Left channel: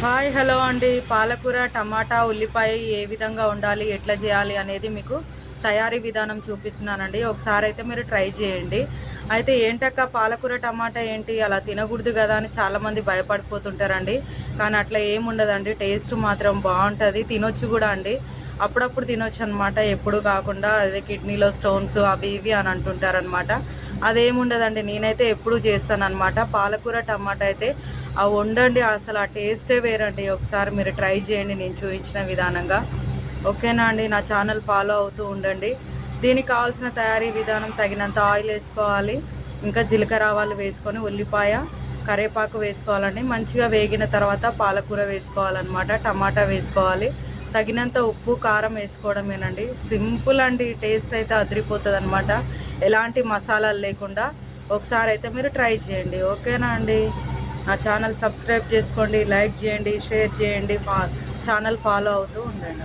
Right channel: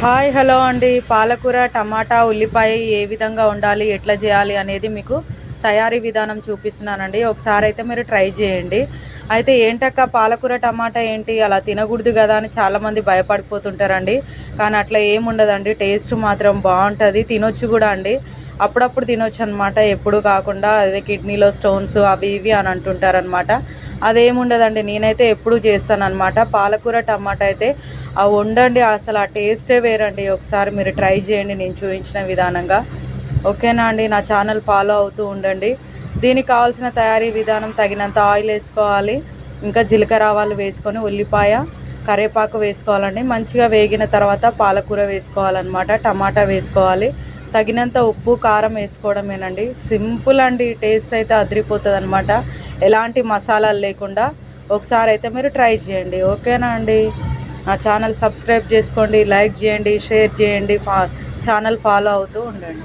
Hi hello అండి. పాలకూర టమాటా ఉల్లిపాయ ఏ విధంగా ఉండాలి, ఎట్లా చేయాలి అనేది మీకు తయారీ విధానం చూపిస్తున్నానండి. ఒకసారి అయితే మీరు ట్రై చేయండి. అయితే ఏంటక్క పాలకూర టమాటా ఏంటి అలా తినకూడదు కదా అని చాలామంది భయపడిపోతుంటారండి. కానీ అట్లా ఏముండదండి, టేస్ట్ మాత్రం బాగుంటుంది, తినొచ్చు కూడా అండి. అప్పుడప్పుడు తినొచ్చు అనమాట, ఎప్పుడు కాకుండా. అదే కిడ్నీలో స్టోన్స్ అవి ఇవి అని అంటుంటారనమాట. అదేముండదండి, నేనైతే ఎప్పుడు చేస్తానన్నమాట. పాలకూర టమాటా అయితే వండండి, అసలు ఆ టేస్టే వేరండి. ఒకసారి మీరు ట్రై చేయండి నేను చూపించిన విధానంగా. ఓకేనా అండి, నా ఛానల్ ఫాలో అవుతూ ఉండండి. దీనికి కావాల్సిన తయారీ విధానం: తగినంత ఆయిల్ వేసుకోవాలి, ఇంకా జీలకర్ర ఆవాలు వేసుకొని ఉల్లిపాయ కరివేపాకు వేసుకోవాలండి. మంచిగా వేగిన తర్వాత పాలకూర వేసుకోవాలన్నమాట, టమాటా వేసుకోవాలి, తగినంత ఉప్పు కారం వేసుకోవడమేనండి. సింపుల్ అండి, టేస్ట్ అయితే అదిరిపోతుంది అనమాట, ఎలాంటి మసాలాలు లేకుండా. ఒకసారి అయితే మీరు ట్రై చేయండి. ఓకేనా అండి, నా ఛానల్ సబ్స్క్రైబ్ చేసుకోండి, లైక్ చేయండి, షేర్ చేయండి, ఛానల్ ఫాలో అవుతూ ఉండండి.